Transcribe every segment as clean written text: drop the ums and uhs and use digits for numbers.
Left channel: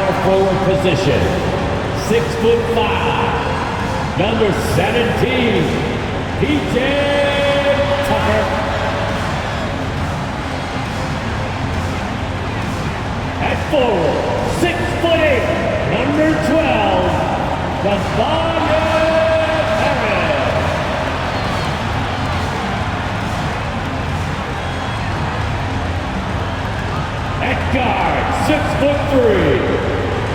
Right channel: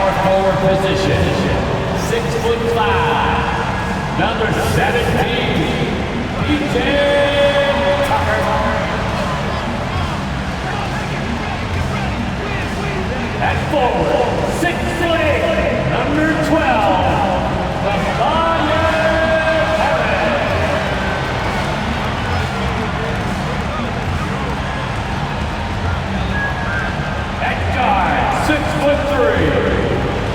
power forward position, 6'5", number 17, PJ Tucker. At forward, 6'8", number 12, Harris. At guard, 6'3",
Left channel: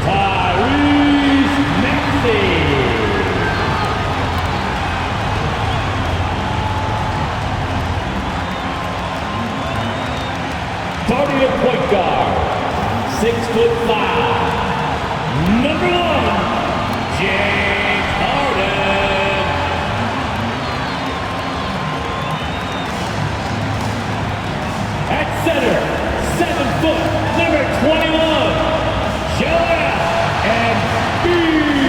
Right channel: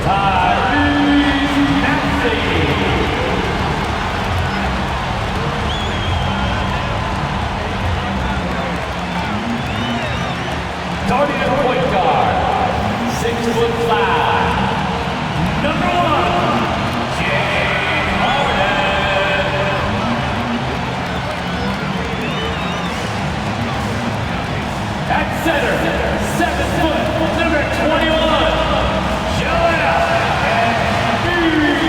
Tyrese Maxey. Starting at point guard, 6'5", number 1, James Harden. At center, 7 foot, number 21, Joel Embiid.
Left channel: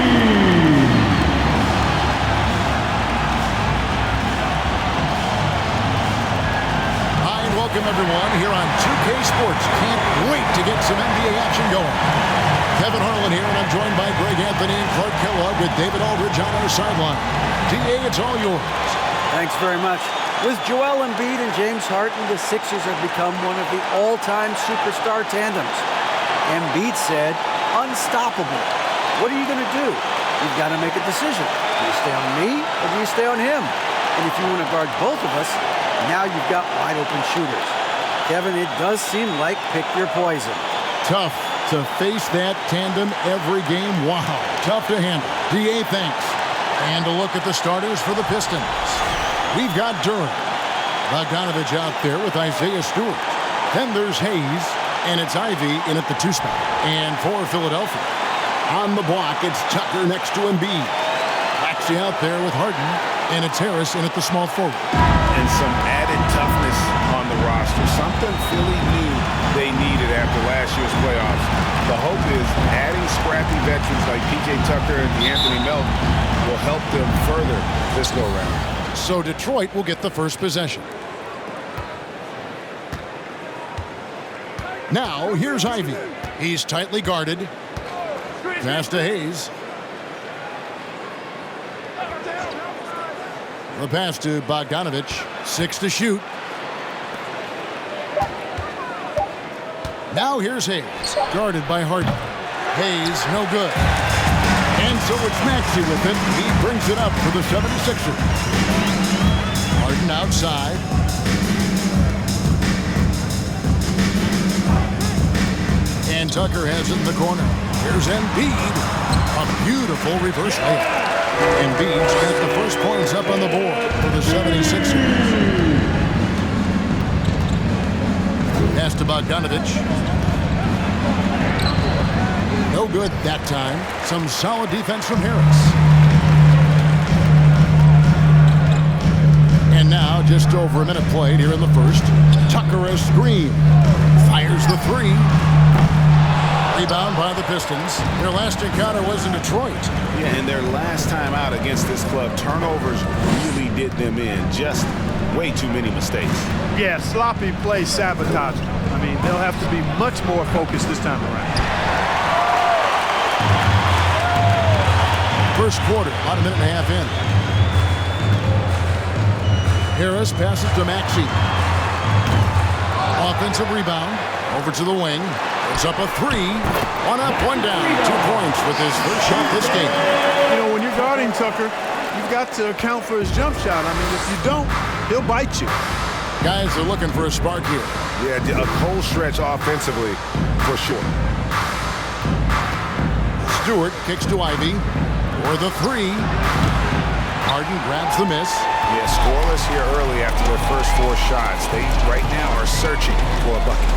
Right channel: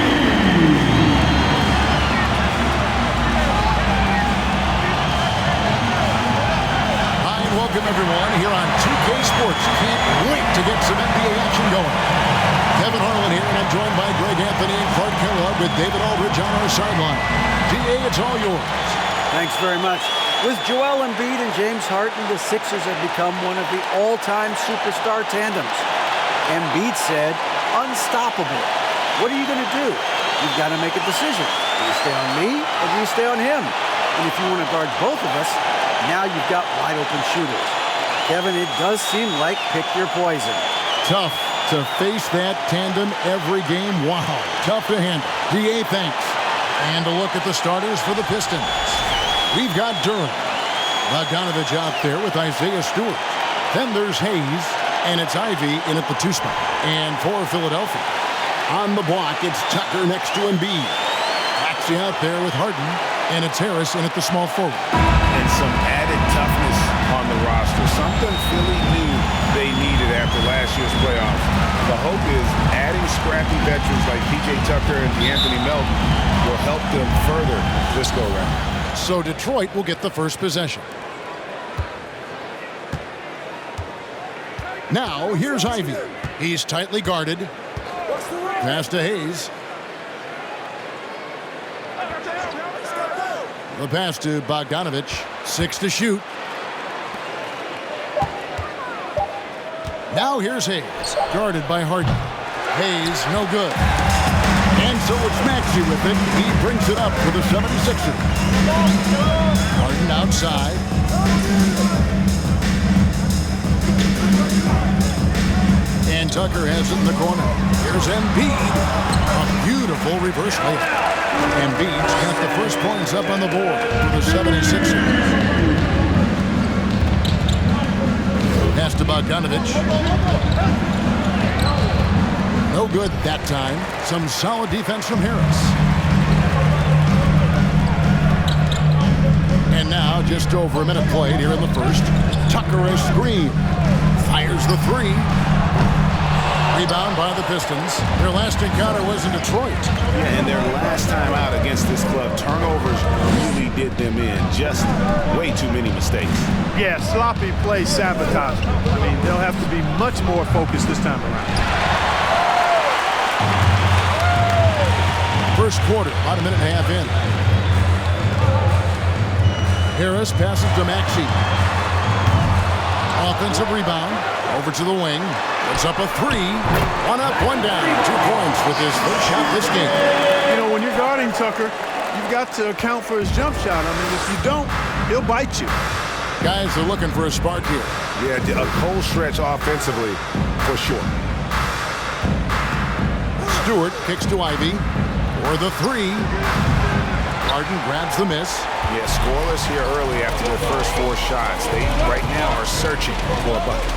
Hi and welcome everyone here on 2K Sports. Can't wait to get some NBA action going. Kevin Harlan here, and I'm joined by Greg Anthony and Clark Kellogg with David Aldridge on our sideline. DA, it's all yours. Thanks very much. With Joel Embiid and James Harden, the Sixers have become one of the all-time superstar tandems. Embiid said, unstoppable. What are you going to do? You've got to make a decision. Do you stay on me or do you stay on him? And if you want to guard both of us, now you've got wide-open shooters. Kevin, it does seem like pick your poison. Tough to face that tandem every game. Wow, tough to handle. DA, thanks. And a look at the starters for the Pistons. We've got Durant, Bogdanovich out there with Isaiah Stewart. Then there's Hayes, and it's Ivy in at the 2 spot. And for Philadelphia, on the block, it's Tucker next to Embiid. Maxey out there with Harden, and it's Harris in at the small forward. And some added toughness on the roster, something Philly knew they needed after last year's playoffs. The hope is adding scrappy veterans like PJ Tucker and DeAnthony Melton will help them further this go-round. So Detroit will get the first possession. Now, here's Ivy. He's tightly guarded. Pass to Hayes. The pass to Bogdanovich. 6 to shoot. Now here's Hayes, guarded by Harden. Hayes, no good. And so it's Maxey with it. He brings it up for the 76ers. Harden outside. And Tucker has it in the corner. Here's Embiid. A beautiful reverse layup. Embiid's got the first points up on the board for the 76ers. Pass to Bogdanovich. No good that time. Some solid defense from Harris. And now, just over a minute played here in the first. Tucker a screen. Fires the 3. Rebound by the Pistons. Their last encounter was in Detroit. Yeah, and their last time out against this club, turnovers really did them in. Just way too many mistakes. Yeah, sloppy play sabotage. I mean, they'll have to be much more focused this time around. First quarter, about a minute and a half in. Harris passes to Maxey. Offensive rebound. Over to the wing. Puts up a 3. 1 up, 1 down. 2 points with his first shot this game. You know, when you're guarding Tucker, you've got to account for his jump shot. I mean, if you don't, he'll bite you. Guys are looking for a spark here. Yeah, a cold stretch offensively for sure. Stewart kicks to Ivy for the 3. Harden grabs the miss. Yeah, scoreless here early after their first 4 shots. They right now are searching for a bucket.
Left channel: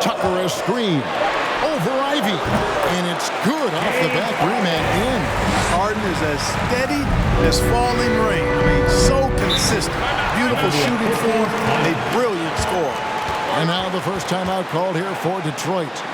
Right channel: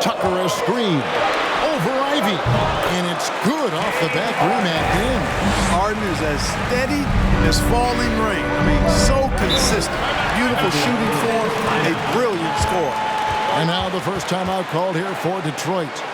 Tucker a screen over Ivy, and it's good off the back rim and in. Harden is as steady as falling rain. I mean, so consistent. Beautiful shooting form, a brilliant score. And now the first timeout called here for Detroit.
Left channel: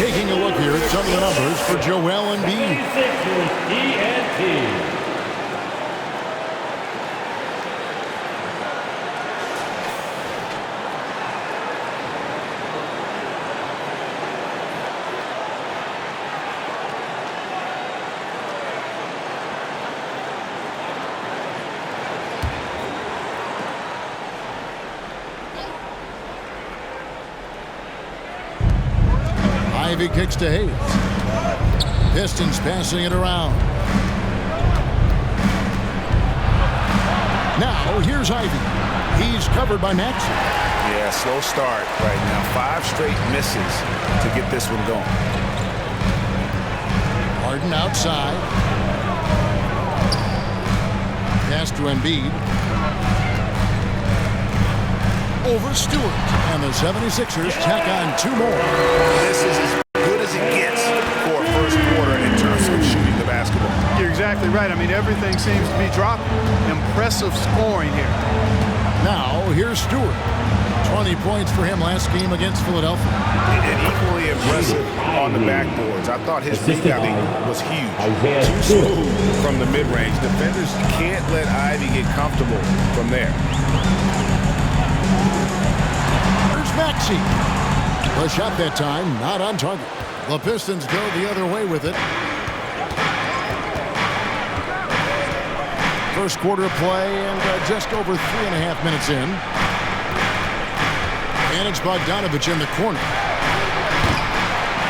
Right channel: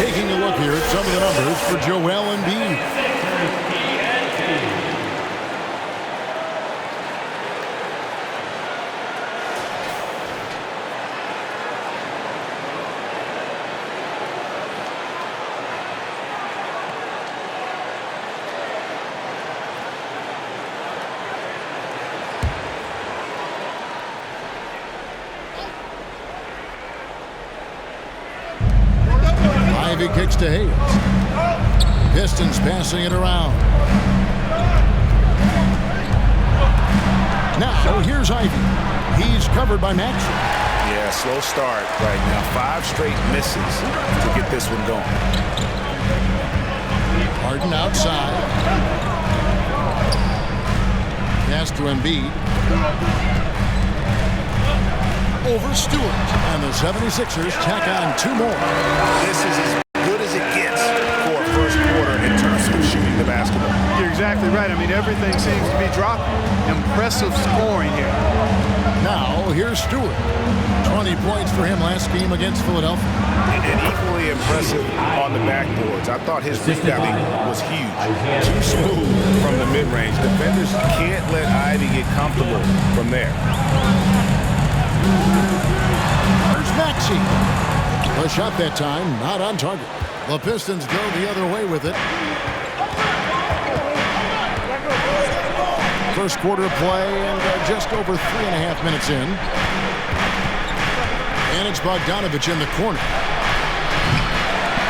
Taking a look here at some of the numbers for Joel Embiid. 76ers ENT. Ivy kicks to Hayes. Pistons passing it around. Now, here's Ivy. He's covered by Maxey. Yeah, slow start right now. 5 straight misses to get this one going. Harden outside. Pass to Embiid. Over Stewart. And the 76ers tack on 2 more. This is as good as it gets for a first quarter in terms of shooting the basketball. You're exactly right. I mean, everything seems to be dropping. Impressive scoring here. Now, here's Stewart. 20 points for him last game against Philadelphia. And equally impressive on the backboards. I thought his rebounding was huge. Too smooth from the mid-range. Defenders can't let Ivy get comfortable from there. There's Maxey. The shot that time, not on target. The Pistons go the other way with it. First quarter of play and just over 3.5 minutes in. And it's Bogdanovich in the corner.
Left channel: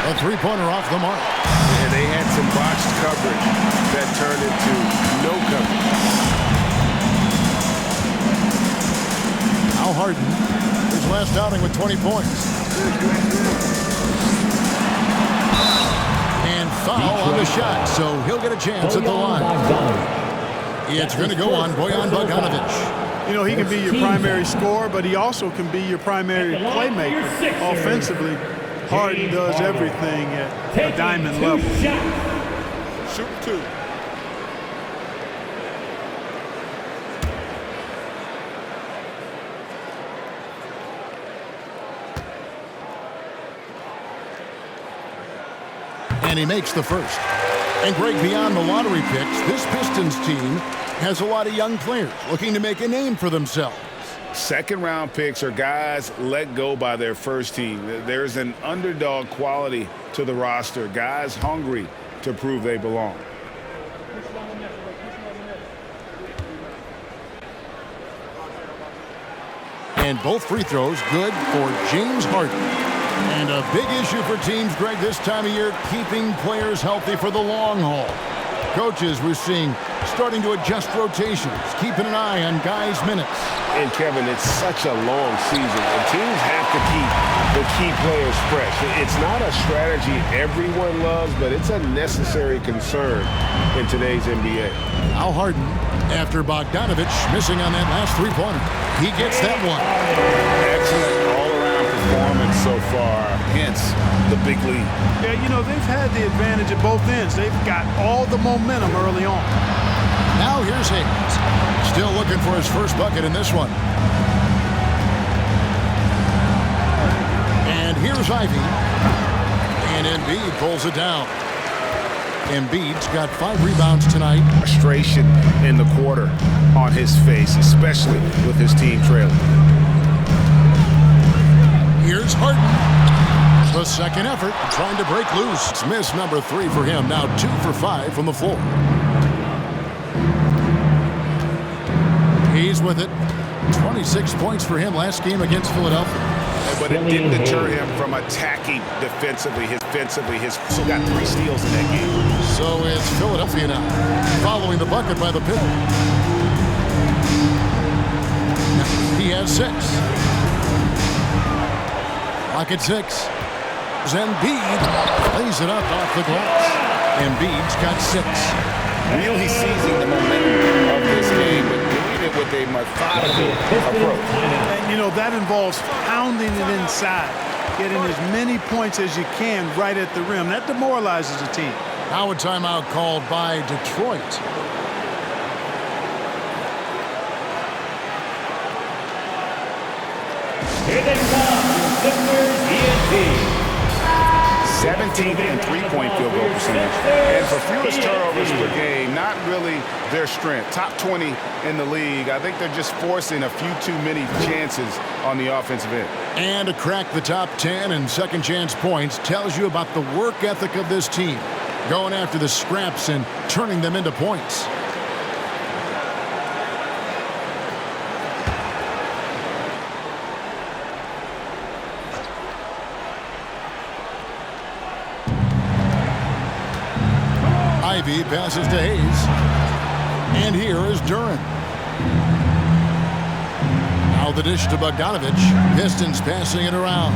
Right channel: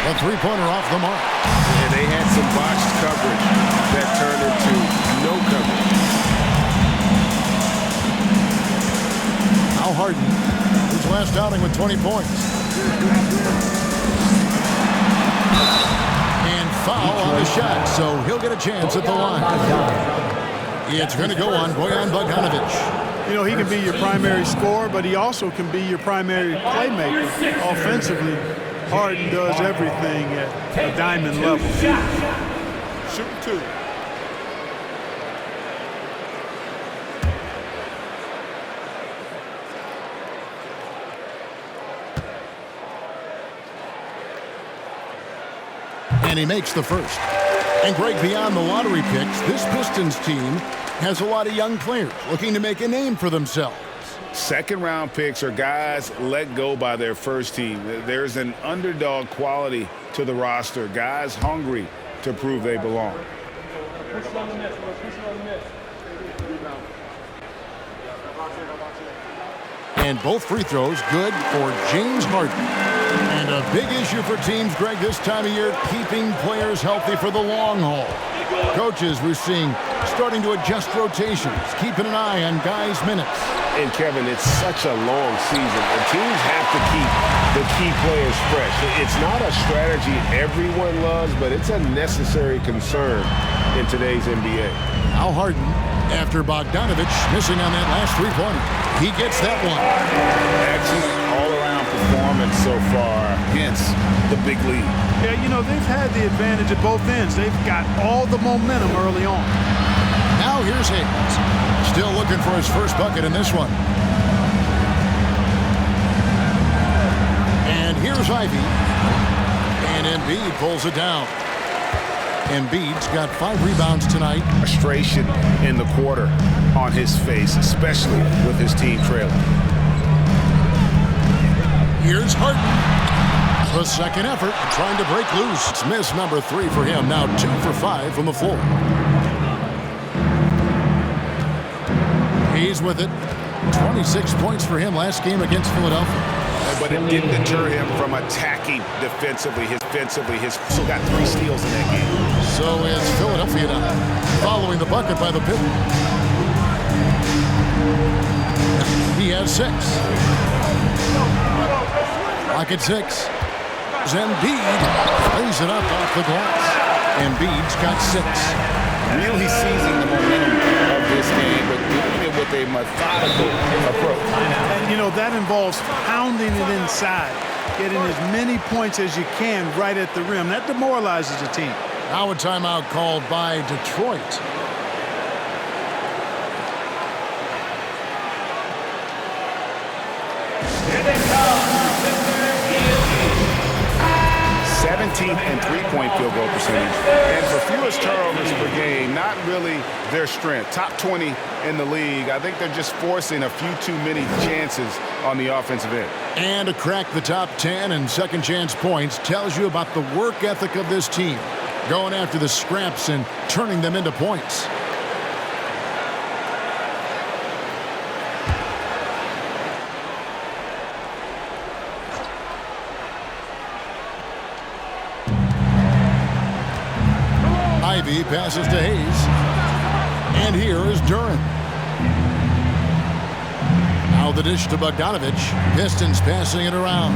A three-pointer off the mark. And they had some botched coverage that turned into no coverage. Now Harden, his last outing with 20 points. And foul on the shot, so he'll get a chance at the line. It's going to go on Bojan Bogdanovich. You know, he can be your primary scorer, but he also can be your primary playmaker offensively. Harden does everything at a diamond level. Shooting 2. And he makes the first. And Greg, beyond the lottery picks, this Pistons team has a lot of young players looking to make a name for themselves. Second-round picks are guys let go by their first team. There's an underdog quality to the roster. Guys hungry to prove they belong. And both free throws good for James Harden. And a big issue for teams, Greg, this time of year, keeping players healthy for the long haul. Coaches, we're seeing, starting to adjust rotations, keeping an eye on guys' minutes. And, Kevin, it's such a long season, and teams have to keep the key players fresh. It's not a strategy everyone loves, but it's a necessary concern in today's NBA. Now Harden, after Bogdanovich missing on that last three-pointer. He gets that one. Excellent all-around performance so far, hence the big lead. Yeah, you know, they've had the advantage at both ends. They've got all the momentum early on. Now here's Hayes. Still looking for his first bucket in this one. And here's Ivy. And Embiid pulls it down. Embiid's got 5 rebounds tonight. Frustration in the quarter on his face, especially with his team trailing. Here's Harden. The second effort, trying to break loose. It's miss number 3 for him. Now 2 for 5 from the floor. He's with it. 26 points for him last game against Philadelphia. But it didn't deter him from attacking defensively. He's still got 3 steals in that game. So it's Philadelphia now, following the bucket by the Pistons. He has 6. Clock at 6. Embiid plays it up off the glass. Embiid's got 6. Really seizing the momentum of this game, but doing it with a methodical approach. And, you know, that involves pounding it inside, getting as many points as you can right at the rim. That demoralizes a team. Now a timeout called by Detroit. Here they come, Sixers ENT. 17th in three-point field goal percentage. And for fewest turnovers per game, not really their strength. Top 20 in the league. I think they're just forcing a few too many chances on the offensive end. And to crack the top 10 in second chance points tells you about the work ethic of this team. Going after the scraps and turning them into points. Ivy passes to Hayes. And here is Duran. Now the dish to Bogdanovich. Pistons passing it around.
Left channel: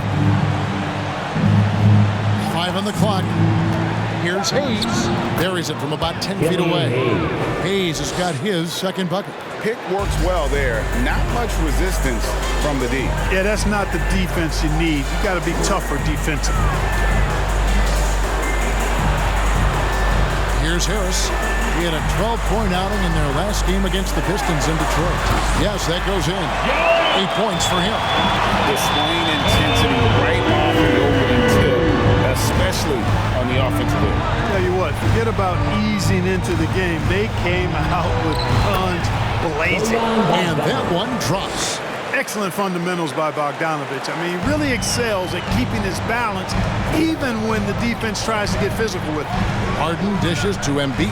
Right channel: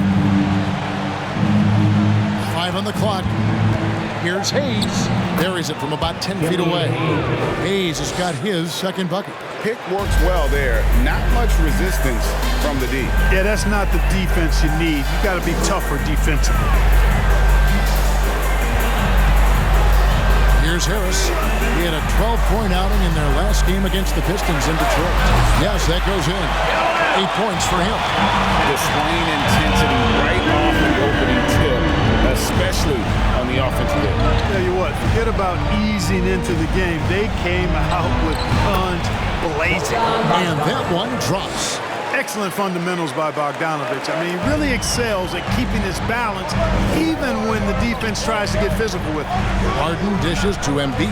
5 on the clock. Here's Hayes. Buries it from about 10 feet away. Hayes has got his second bucket. Pick works well there. Not much resistance from the D. Yeah, that's not the defense you need. You got to be tougher defensively. Here's Harris. He had a 12-point outing in their last game against the Pistons in Detroit. Yes, that goes in. 8 points for him. Displaying intensity right off the opening tip, especially on the offensive end. Tell you what, forget about easing into the game. They came out with guns blazing. And that one drops. Excellent fundamentals by Bogdanovich. I mean, he really excels at keeping his balance even when the defense tries to get physical with him. Harden dishes to Embiid.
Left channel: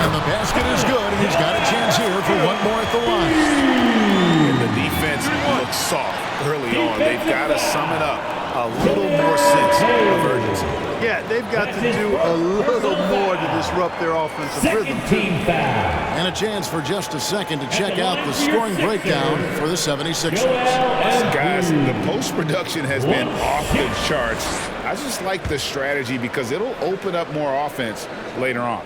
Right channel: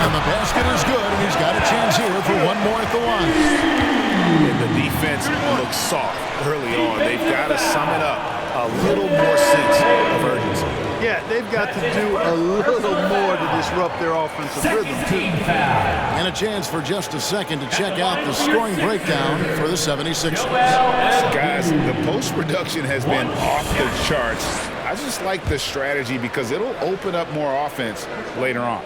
And the basket is good, and he's got a chance here for one more at the line. And the defense looks soft early on. They've got to sum it up. A little more sense of urgency. Yeah, they've got to do a little more to disrupt their offensive rhythm, too. And a chance for just a second to check out the scoring breakdown for the 76ers. Guys, the post-production has been off the charts. I just like the strategy because it'll open up more offense later on.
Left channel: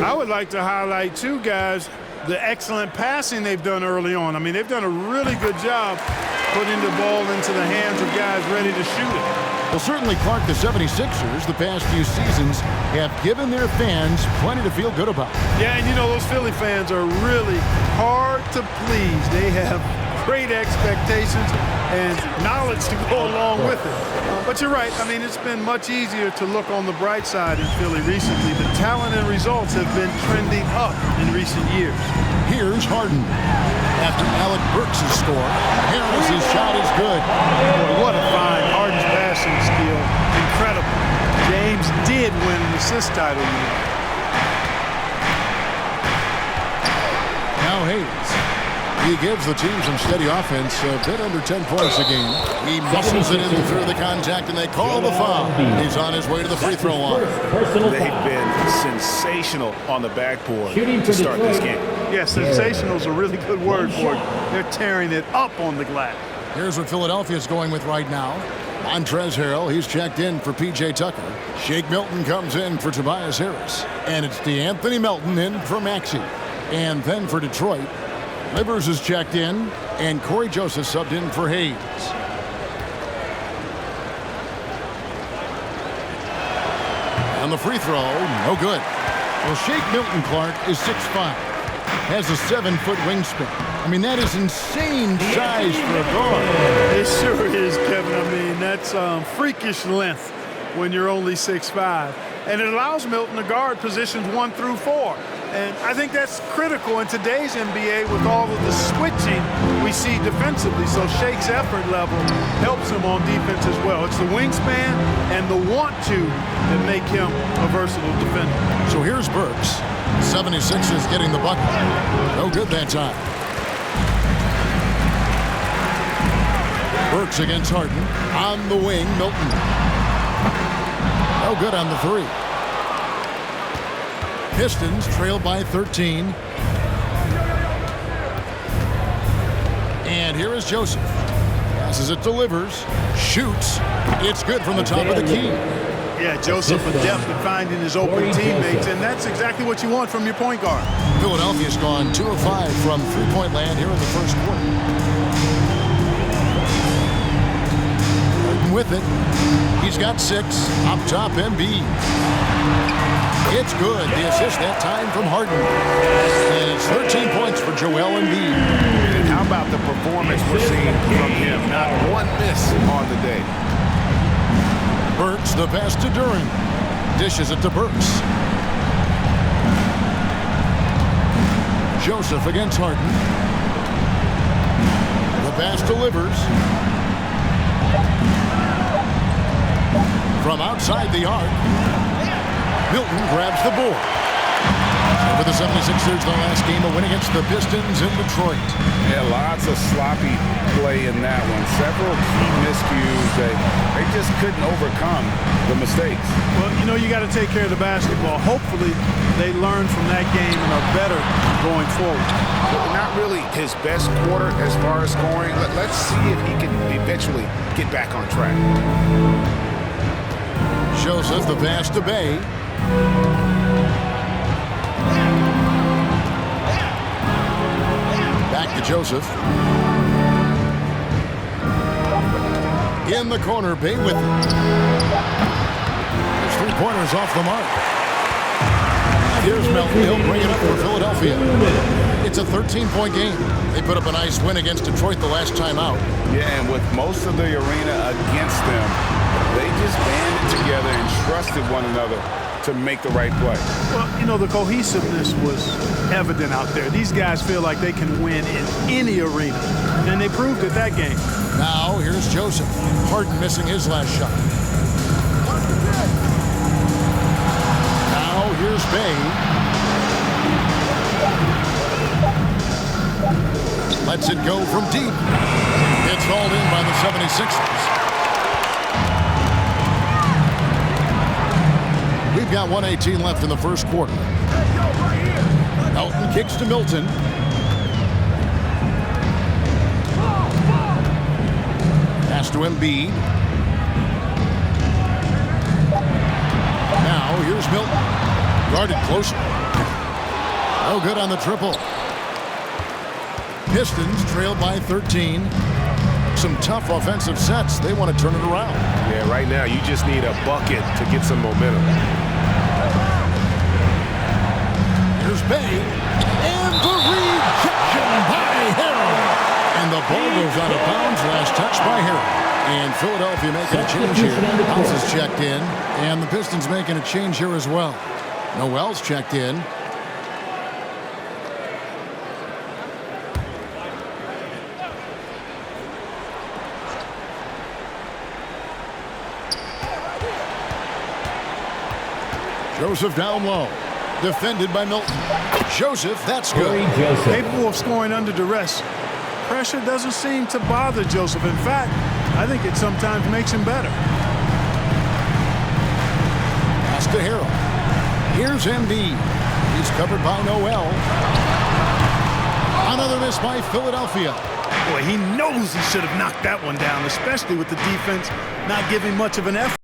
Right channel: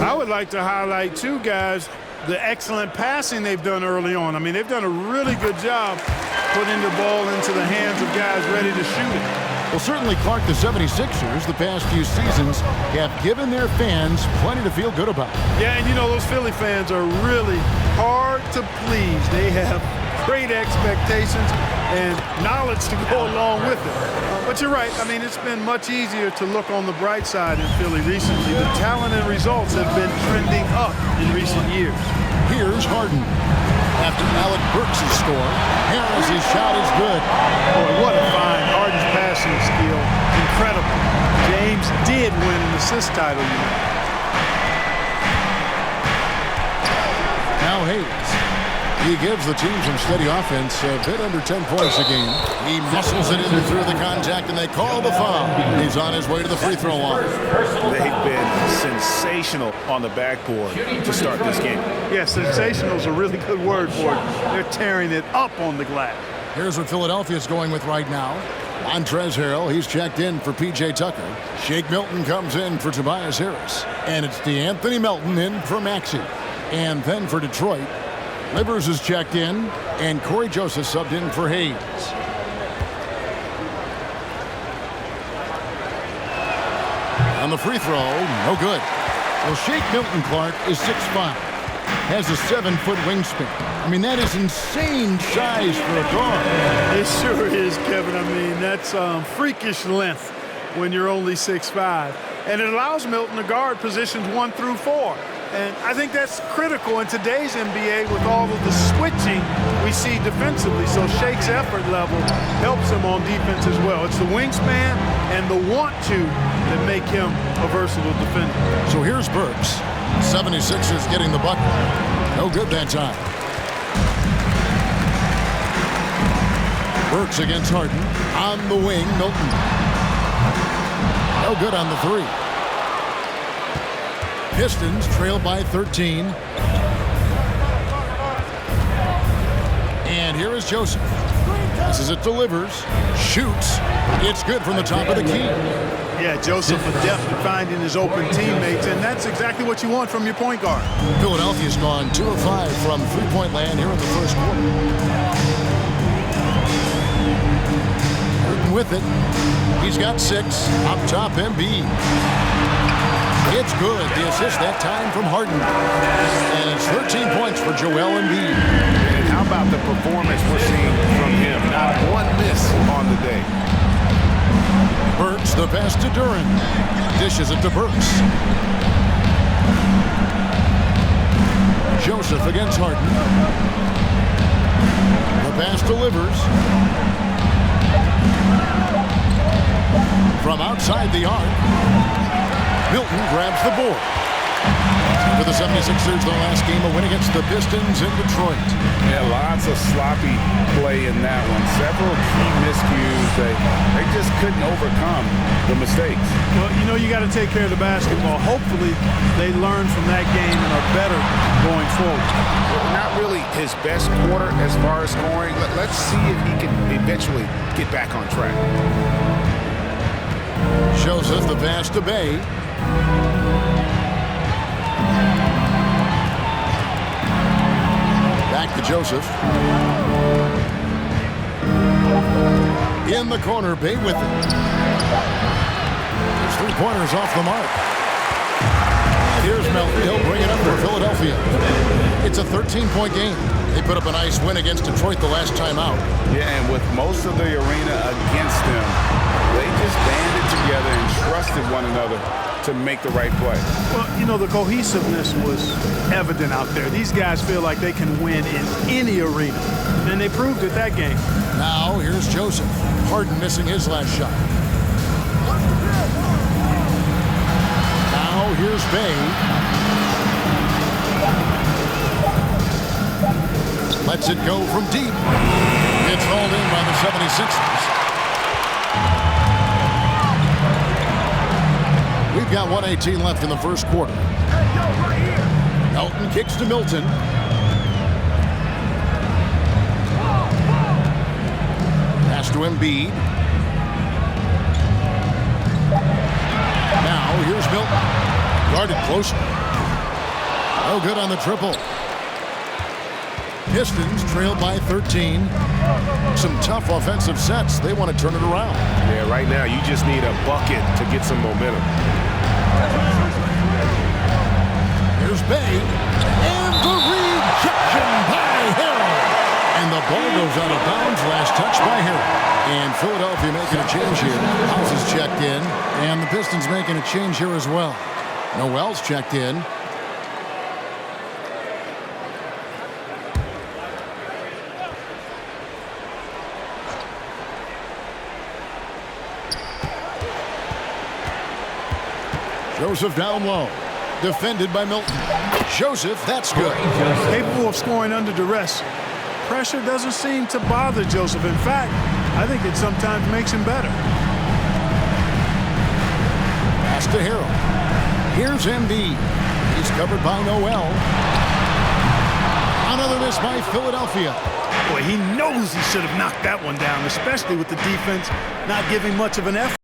I would like to highlight, too, guys, the excellent passing they've done early on. I mean, they've done a really good job putting the ball into the hands of guys ready to shoot it. Well, certainly, Clark, the 76ers, the past few seasons, have given their fans plenty to feel good about. Yeah, and you know, those Philly fans are really hard to please. They have great expectations and knowledge to go along with it. But you're right. I mean, it's been much easier to look on the bright side in Philly recently. The talent and results have been trending up in recent years. Here's Harden. After Alec Burks' score, Harris' shot is good. Boy, what a find. Harden's passing skill, incredible. James did win an assist title, you know. Now Hayes. He gives the team some steady offense, a bit under 10 points a game. He muscles it in through the contact, and they call the foul. He's on his way to the free throw line. They've been sensational on the backboard to start this game. Yeah, sensational is a really good word for it. They're tearing it up on the glass. Here's what Philadelphia's going with right now. Montrezl Harrell, he's checked in for P.J. Tucker. Shake Milton comes in for Tobias Harris. And it's DeAnthony Melton in for Maxey. And then for Detroit, Livers is checked in, and Corey Joseph subbed in for Hayes. On the free throw, no good. Well, Shake Milton, Clark, is 6'5", has a 7-foot wingspan. I mean, that is insane size for a guard. It sure is, Kevin. I mean, that's freakish length when you're only 6'5". And it allows Milton to guard positions 1 through 4. And I think that's critical in today's NBA with all of the switching we see defensively. So Shake's effort level helps him on defense as well. It's the wingspan and the want-to that make him a versatile defender. So here's Burks. 76ers getting the bucket. No good that time. Burks against Harden. On the wing, Milton. No good on the 3. Pistons trail by 13. And here is Joseph. Passes it to Livers. Shoots. It's good from the top of the key. Yeah, Joseph adept at finding his open teammates, and that's exactly what you want from your point guard. Philadelphia's gone 2 of 5 from three-point land here in the first quarter. Harden with it. He's got 6. Up top, Embiid. It's good. The assist that time from Harden. And it's 13 points for Joel Embiid. And how about the performance we're seeing from him? Not one miss on the day. Burks, the pass to Duran. Dishes it to Burks. Joseph against Harden. The pass delivers. From outside the arc, Milton grabs the board. For the 76ers, their last game, a win against the Pistons in Detroit. Yeah, lots of sloppy play in that one. Several key miscues. They just couldn't overcome the mistakes. Well, you know, you got to take care of the basketball. Hopefully, they learn from that game and are better going forward. Well, not really his best quarter as far as scoring. Let's see if he can eventually get back on track. Joseph, the pass to Bay. Back to Joseph. In the corner, Bay with it. His three-pointers off the mark. And here's Melton. He'll bring it up for Philadelphia. It's a 13-point game. They put up a nice win against Detroit the last time out. Yeah, and with most of the arena against them, they just banded together and trusted one another to make the right play. Well, you know, the cohesiveness was evident out there. These guys feel like they can win in any arena, and they proved it that game. Now, here's Joseph. Harden missing his last shot. Now, here's Bay. Lets it go from deep. It's hauled in by the 76ers. We've got 1:18 left in the first quarter. Melton kicks to Milton. Pass to Embiid. Now here's Milton. Guarded closer. No good on the triple. Pistons trail by 13. Some tough offensive sets. They want to turn it around. Yeah, right now you just need a bucket to get some momentum. Here's Bay. And the rejection by Harrell. And the ball goes out of bounds. Last touch by Harrell. And Philadelphia making a change here. House is checked in. And the Pistons making a change here as well. Noel's checked in. Joseph down low. Defended by Milton. Joseph, that's good. Capable of scoring under duress. Pressure doesn't seem to bother Joseph. In fact, I think it sometimes makes him better. Pass to Harrell. Here's Embiid. He's covered by Noel. Another miss by Philadelphia. Boy, he knows he should have knocked that one down, especially with the defense not giving much of an effort.